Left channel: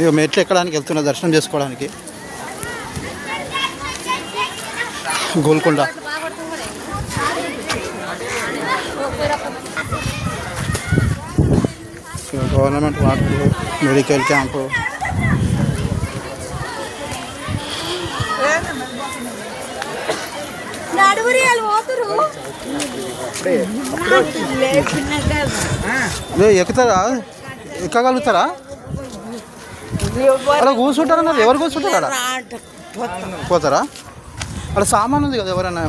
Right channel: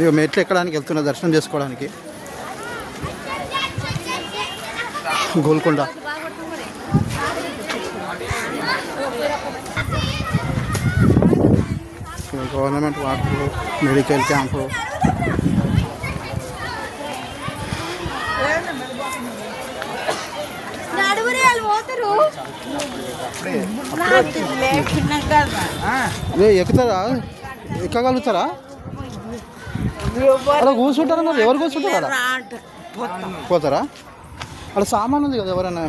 ఇక మెట్లు ఎక్కడానికి వెళ్తున్నా దర్శనం చేసుకోవడానికి. Golconda government water medical camp. ఎక్కుతారా? ఎక్కగలుగుతారా? అలా కూర్చుంటారా? ఎవరు కూర్చుంటారా? పోతారా? అలా సామాన్ ఉంది కదా, ఎవరైనా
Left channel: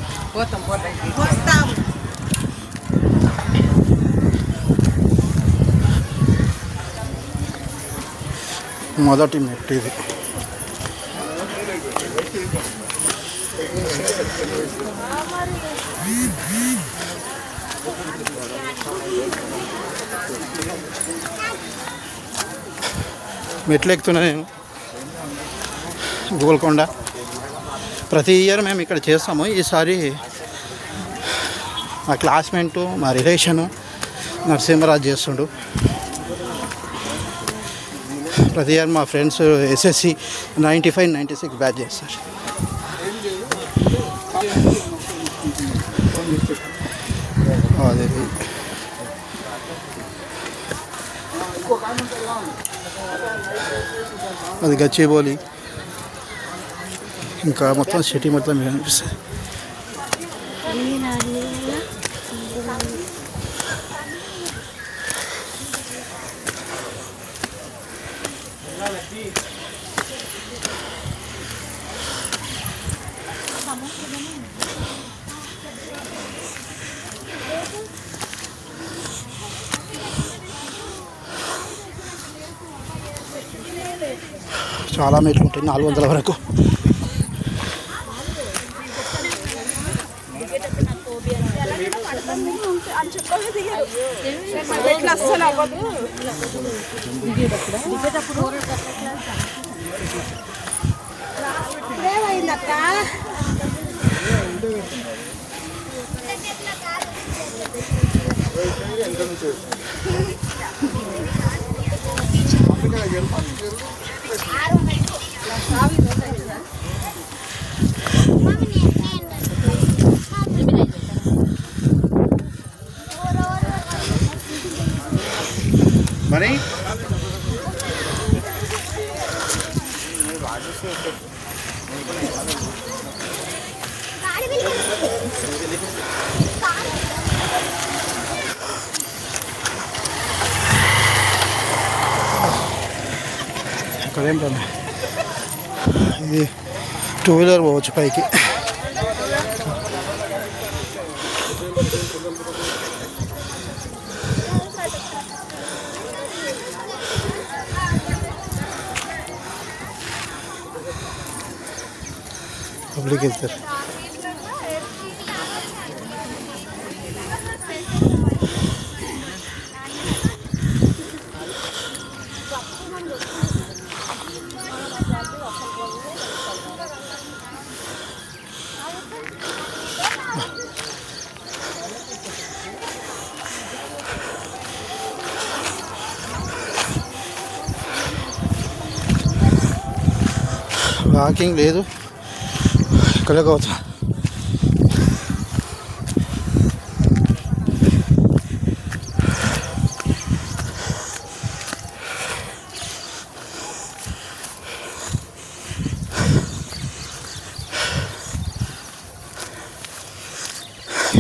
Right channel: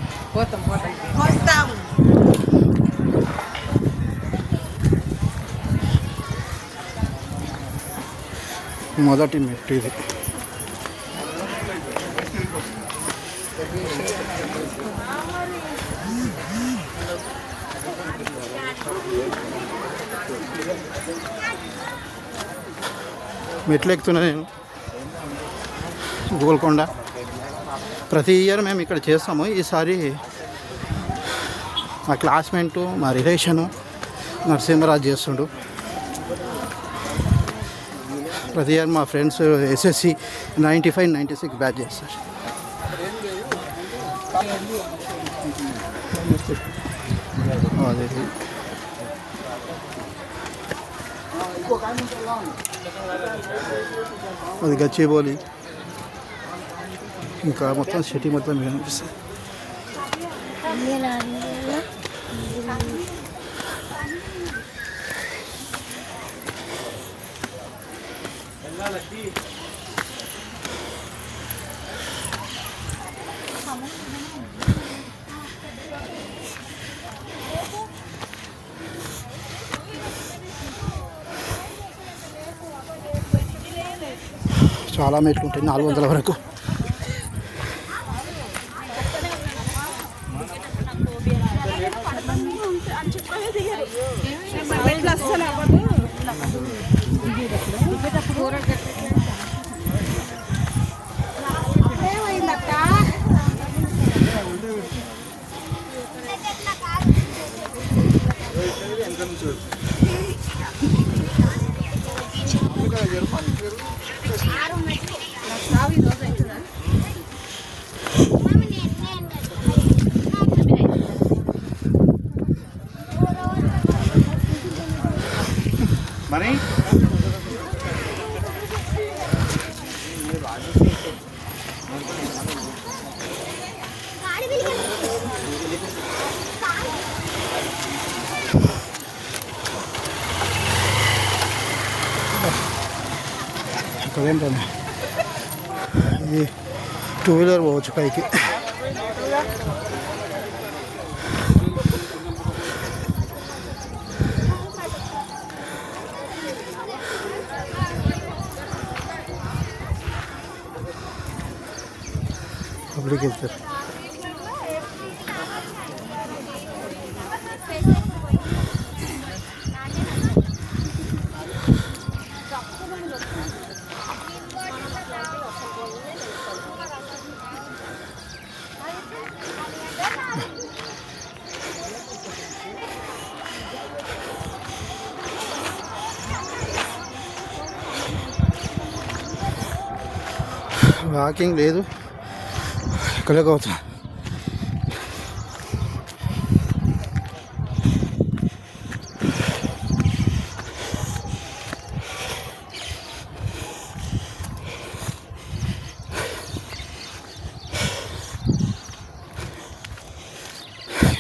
మొదటి మెట్టు ఇది. మెట్లు ఎక్కుతున్నా నేను గోల్కొండ. ప్రతి ఇయర్ మేము ఇక్కడ చేస్తాము. ఈసారి మా క్లాస్మేటు, మా రిలేషను నరసింహరాజు చేస్తుండు. ప్రతి ఇయర్ మా ఫ్రెండ్స్ ఎస్ఎస్సి 95, 96 బ్యాచ్ చేస్తారు. అదే అది గచ్చిబౌలి. ఇంకా మొత్తం సిటీ మొత్తం కనిపిస్తుంది. చాలా మెట్లు ఉంటాయి, 400 వరకు. మరి అక్కడేంటమ్మా, ఇది 2 వీలర్ పోవచ్చు పైకి. పబ్లిక్ వెళ్తారు. వాకింగ్ లేదు, ఇక్కడే పోతా.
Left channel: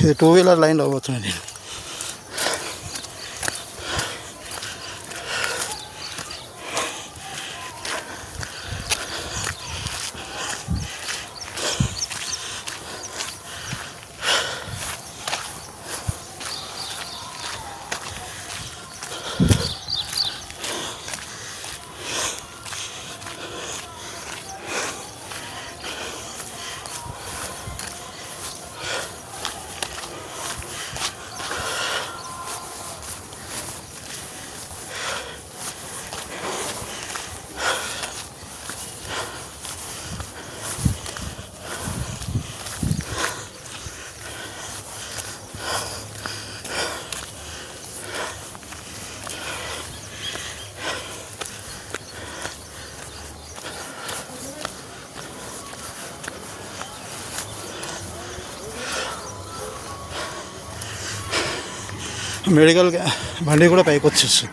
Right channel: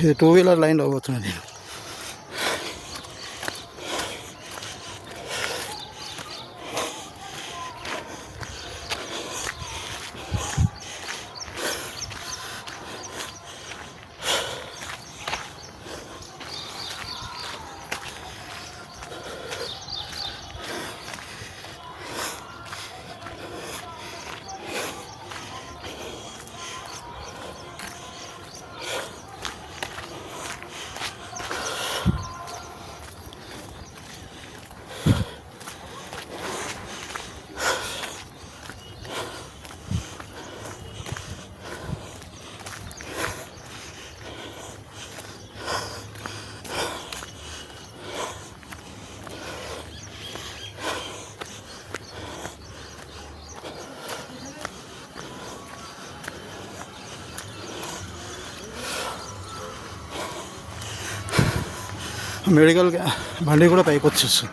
ఇది 2 వీలర్ లైన్లో పోతున్నాను నేను. మెడికల్ బండి కూడా పైకి వచ్చేస్తుంది.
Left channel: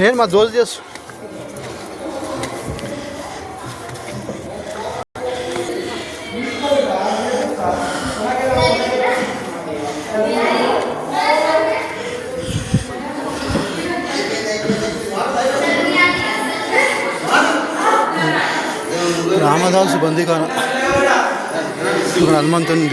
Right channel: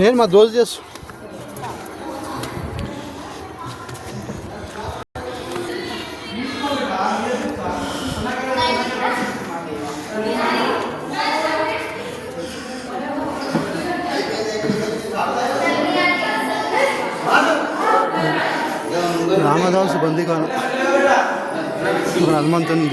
నేను మా దోస్తు చేస్తా. రామదాసు బందీఖాన ఇక్కడ హనుమంతుని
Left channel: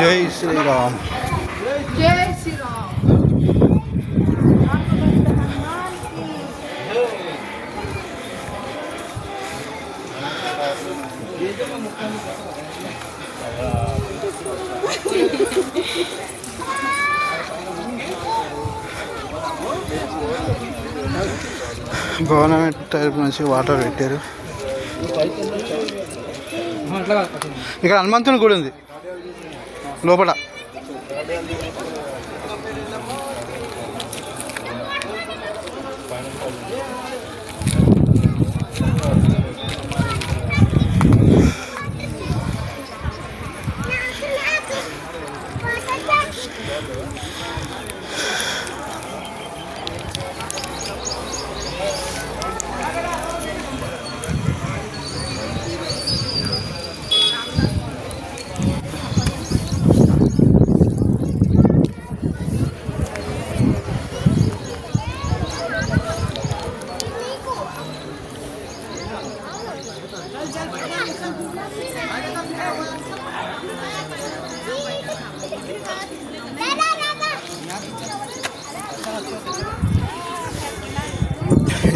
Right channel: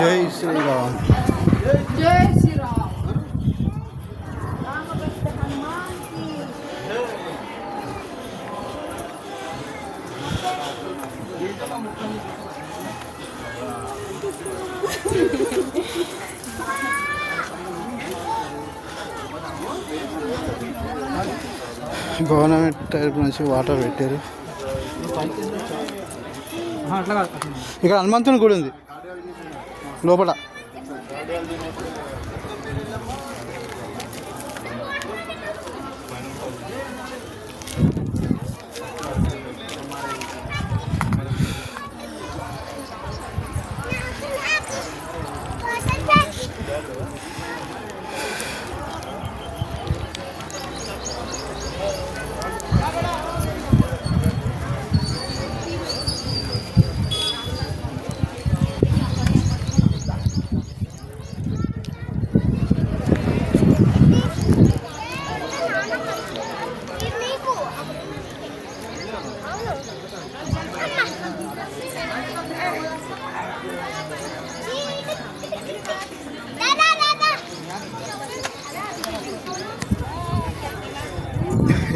జై శ్రీరామ్. జై శ్రీరామ్. గవర్నమెంట్ టైప్ నుంచి వాటర్ పెట్టారు. ఇక్కడ హనుమంతుని గుడి ఉంది లోపల.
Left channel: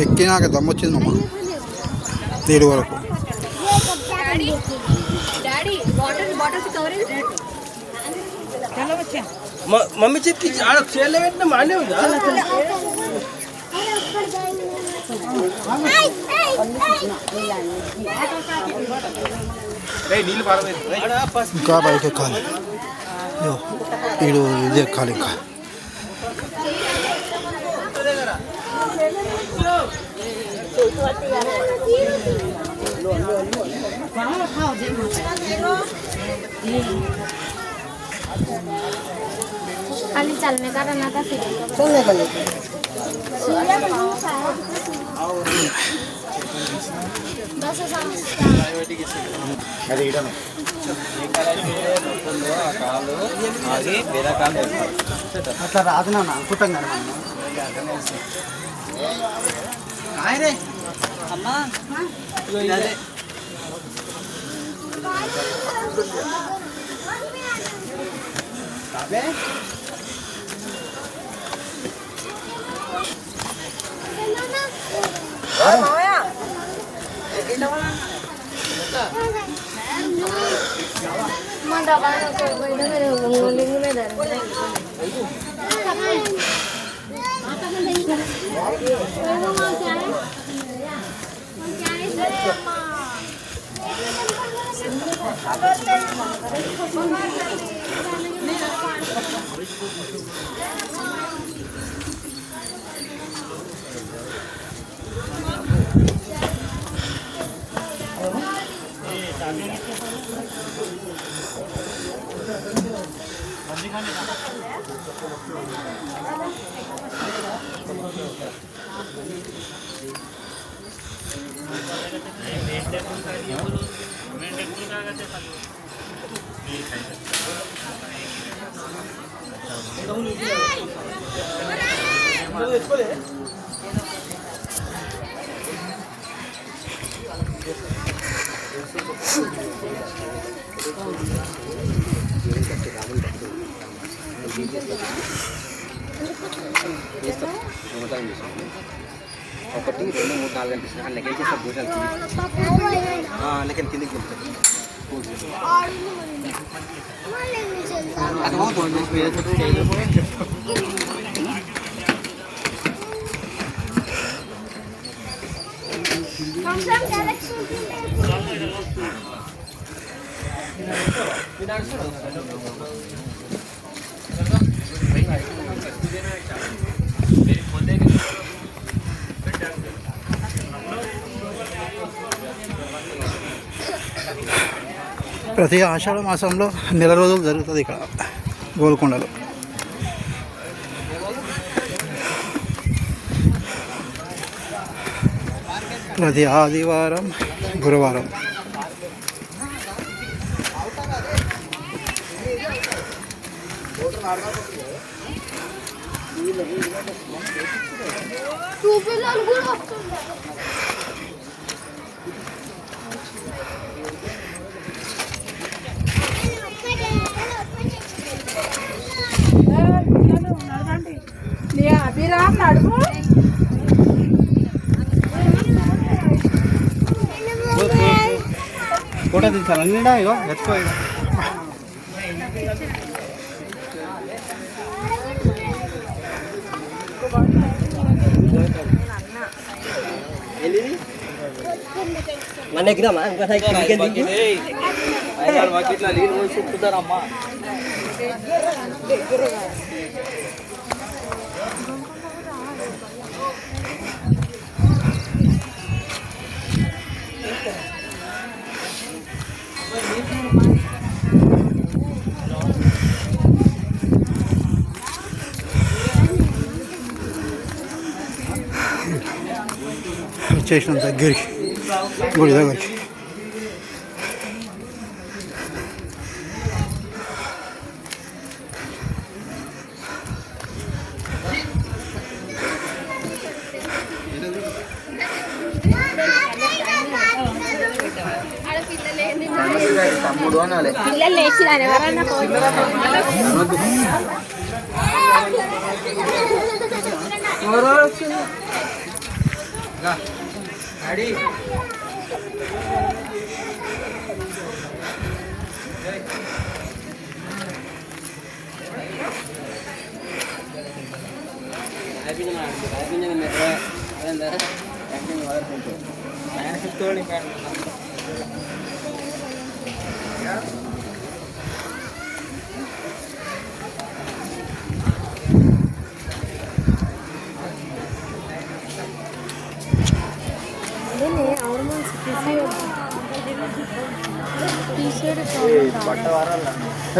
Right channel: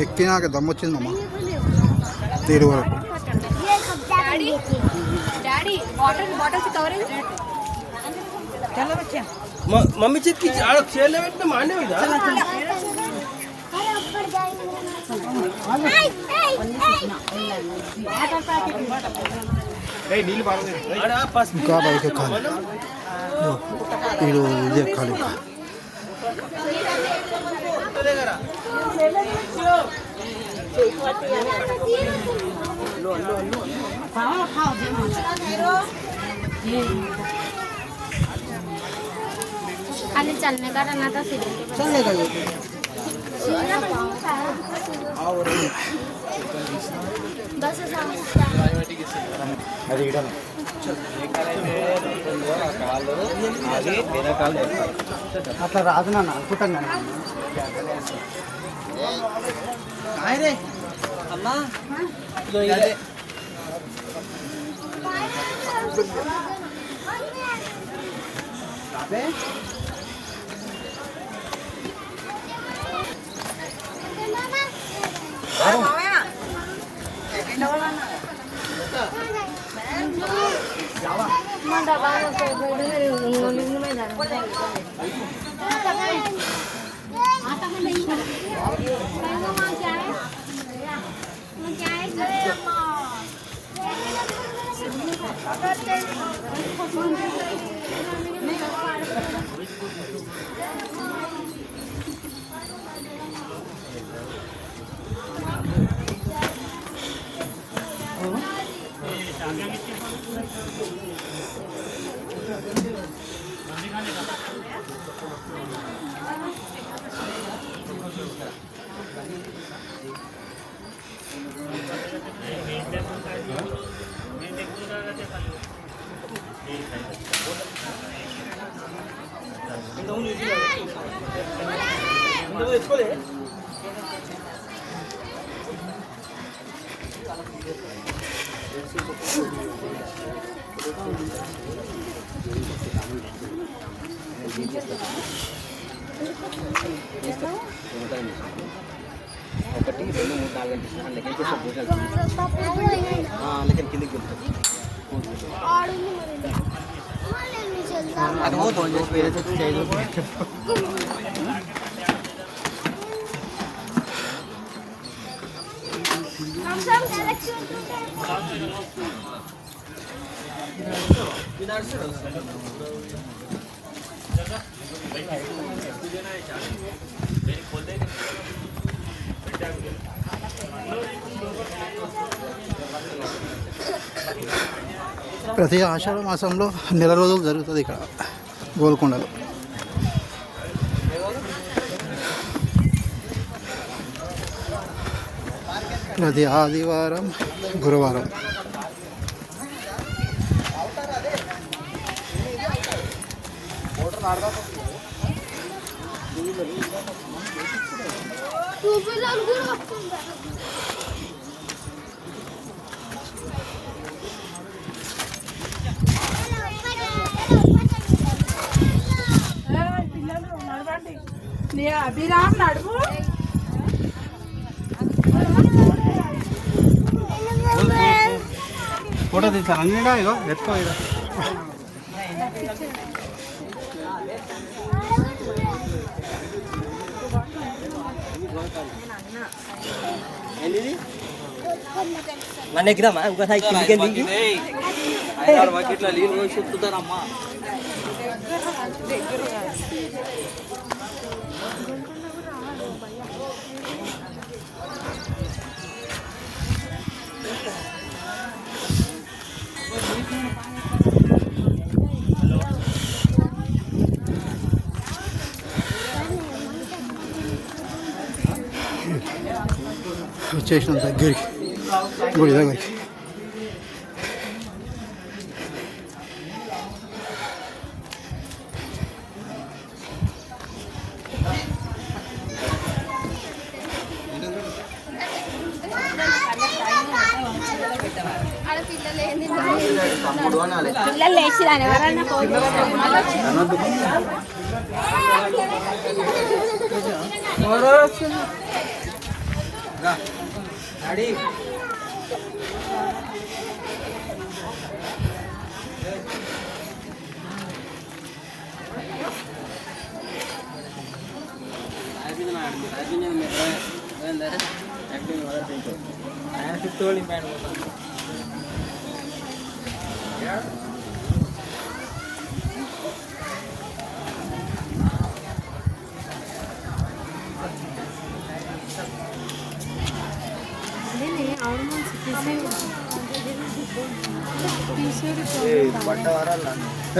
ఎక్కినాక దమ్మొచ్చింది మమ్మ తీరు వరకు. मम्मी चीज की चेले में माने हुई ఇంకా బయట ఎక్కాలి. వీడు ఇది ఎక్కాలి. ఇంకా खाली चलने का रहना था फिर चलने का ये అది ఇడను అట్లా రాదు నాన్న అనుకుంటాం కానీ అమ్మా दबाना कोई कोई तो मेरे लिंग में जा रहा ఒకటి 2 3 4 గంటలు అన్నకే చేస్తా భూషాలు లేకిన్ కిందకి వెళ్తాయి అది పోదు నువ్వు ఏదో స్టేజ్ ప్రతి ఆషాఢ మాసంలో నెల రోజులు జరుగుతుంది ఇక్కడ గోల్కొండలో. ప్రతి ఆదివారం గురువారం అభిరామ్ నడుపు ఫోటో తీసాను అన్నీ ఇదో ఎక్కువ ఇక నన్ను ఎగ్దామా ఇంకోసారి ఇట్లా నీళ్ళు పోయి చుట్టుతారమ్మా వచ్చేసినాం దగ్గరికి గుడి దగ్గరికి. తమ్ముడు అనాలి పిల్లలు లేచిరాని ఎవరన్నా డాడీ ఆయన 50 ఓల్డింగ్ ప్యాంట్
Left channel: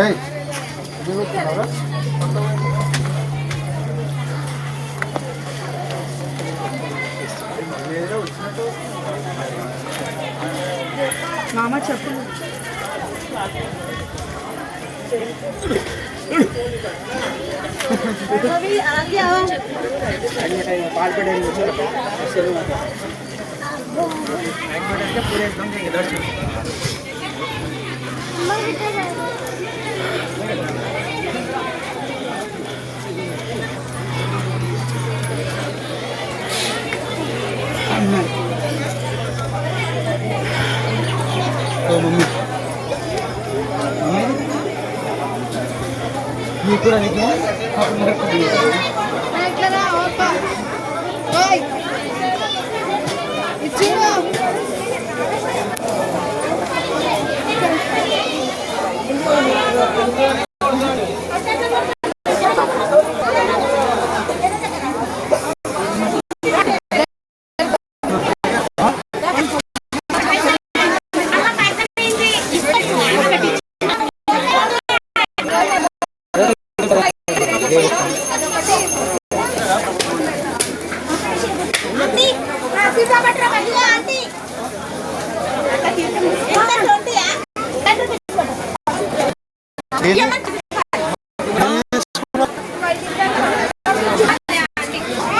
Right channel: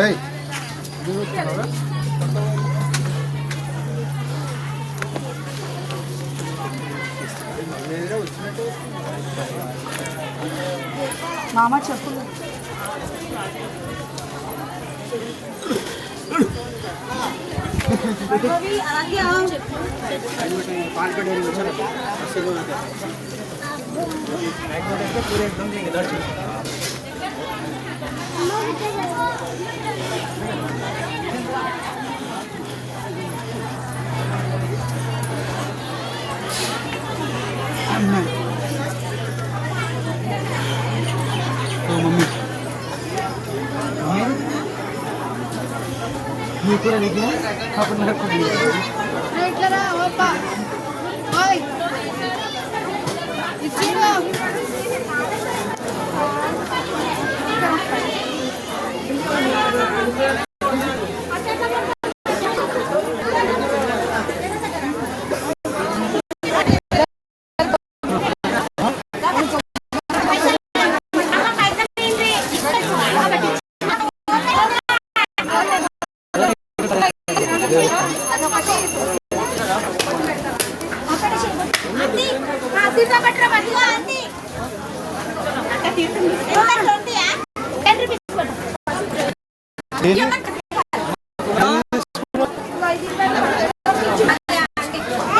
ఏయ్, ఇది చూస్తున్నావా? మామ చెప్పు. पूरे एकदम देंगे दर्शन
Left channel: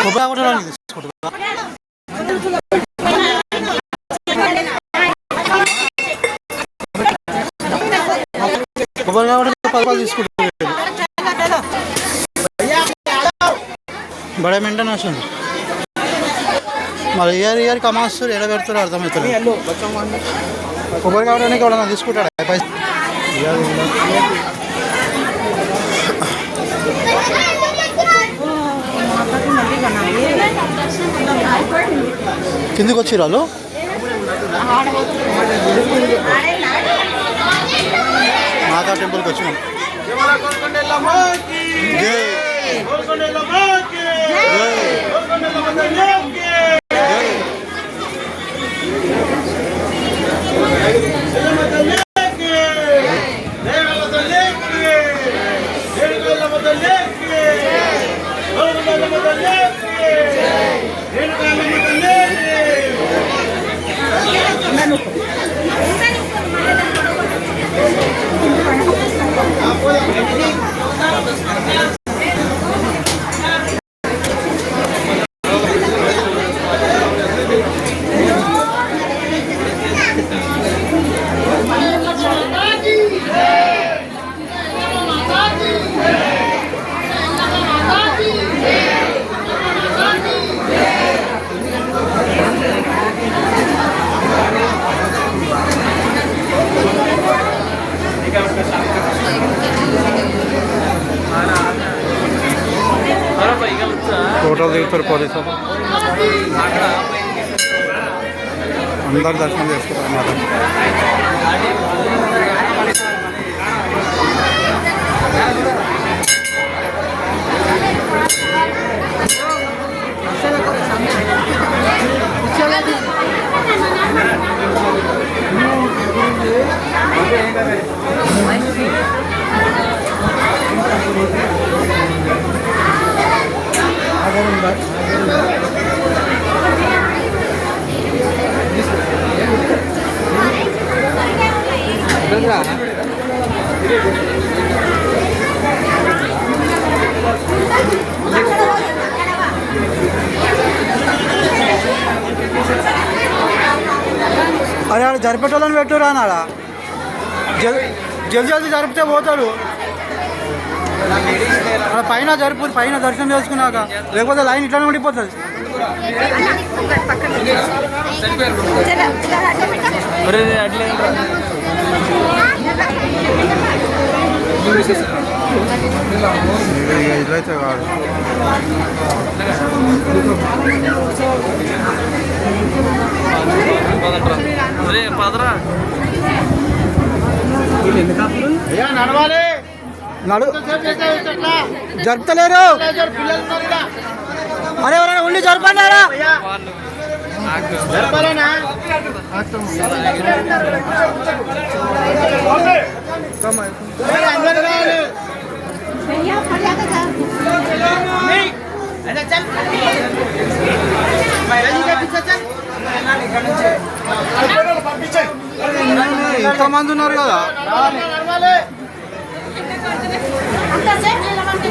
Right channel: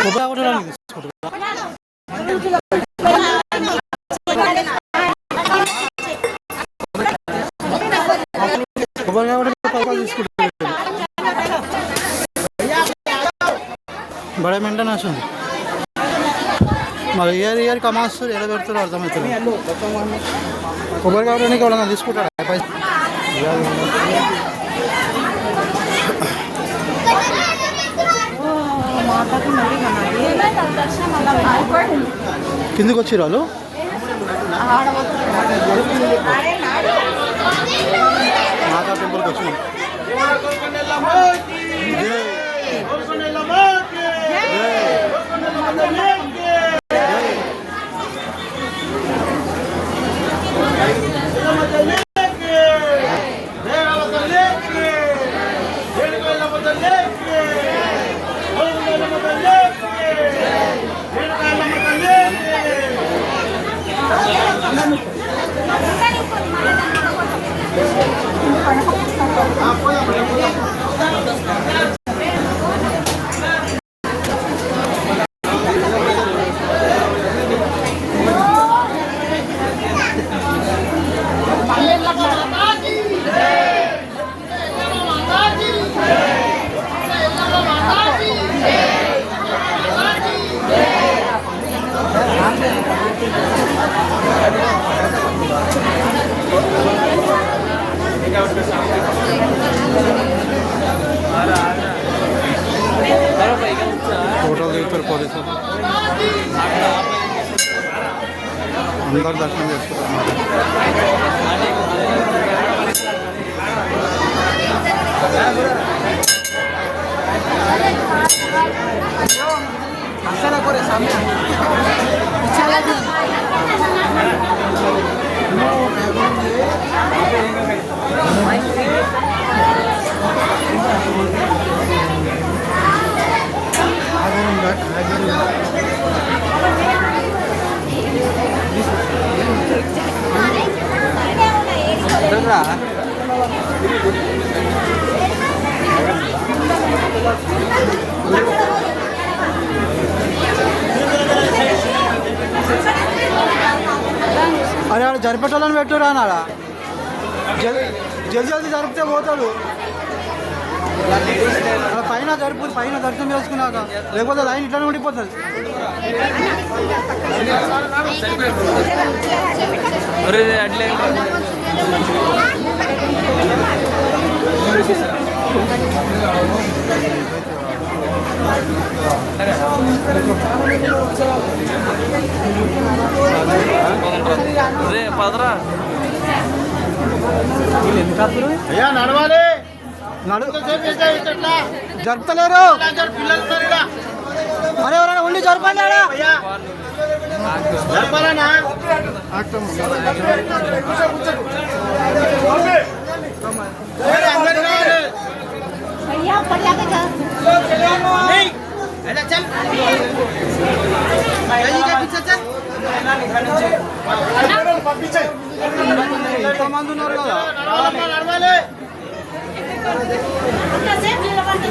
కొబ్బరి కొట్టడానికి తీసుకుంటున్నా. కొబ్బరి కొట్టడానికి 10 రూపాయలు తీసుకుంటాను. బడే మెయింటెనెన్స్ ఉంది. మరి ఇయర్ కమాస్తారు ఎడ పెడతారో అర్థమవుతుంది. కొబ్బరి కావడానికి ఎవరైనా తీసుకుంటాడు పైసలు. కిందికి వచ్చి రాళ్ళు మాతా టెంపుల్కి వచ్చినాం. ఫోటోలు దిగుతారు పోలీసు అందరు దర్శనం చేసుకుంటారు అన్నమాట. అరే ఆడ జరిపేటోళ్ళని పెట్టురా అన్నాడా. జల్దీ జల్దీ జరిపితే పోతాడు. అలా పైన జరుపు, పైన దర్శనం చేసుకున్నాక, లేకపోతే లైన్ ఇట్లానే ఉండిపోతుంది. ఇదైతే పదరా నడవాలి. జరుపుతలేరు. అరే ఎవరైనా ఉండి జరపన్నారా? జరపాలనా? भैया ऊपर जाके जा ఇంతమంది ఉన్నారు కదా అంతసేపు నిలబడి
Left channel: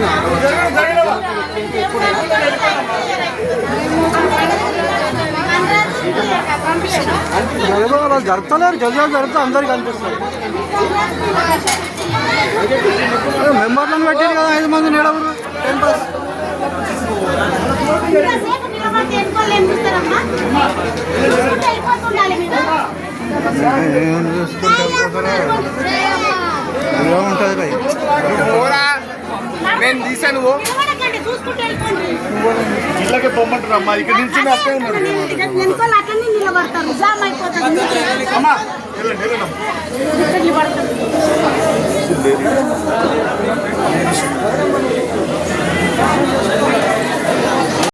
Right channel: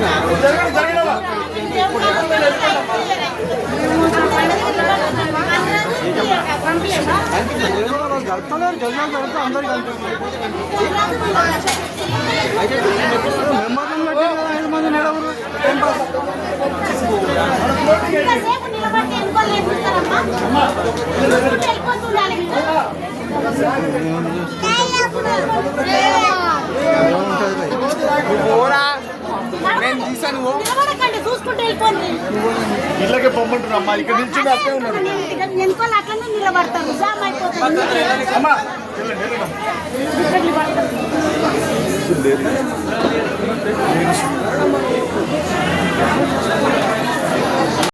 జరుపుతలేరు గజాలు జరుపుతూ అందరు కనిపిస్తారు మెంబర్లను పెట్టారు కదా 5 మంది నెడవరు టైం పాస్ ఎంతసేపు నిలబడి ఎన్నుకోలేము ఇస్తారమ్మా వెళ్ళిపోతుండాలి మీరు ఏం చూసుకుంటారు ఏముంటుంది భయ్ నేను తీసాను నిలబడకండి చూసుకుంటూ వెళ్ళిపోండి ఇళ్ళకి పొమ్మంటున్నామ్మా ఇక్కడ నుంచి అట్టే ఉన్నారు వెనుకోలు అట్లనే నిలబడతారు జామ్ అయిపోతుంది అమ్మా వెళ్ళండి వెళ్ళండి నిలబడతారు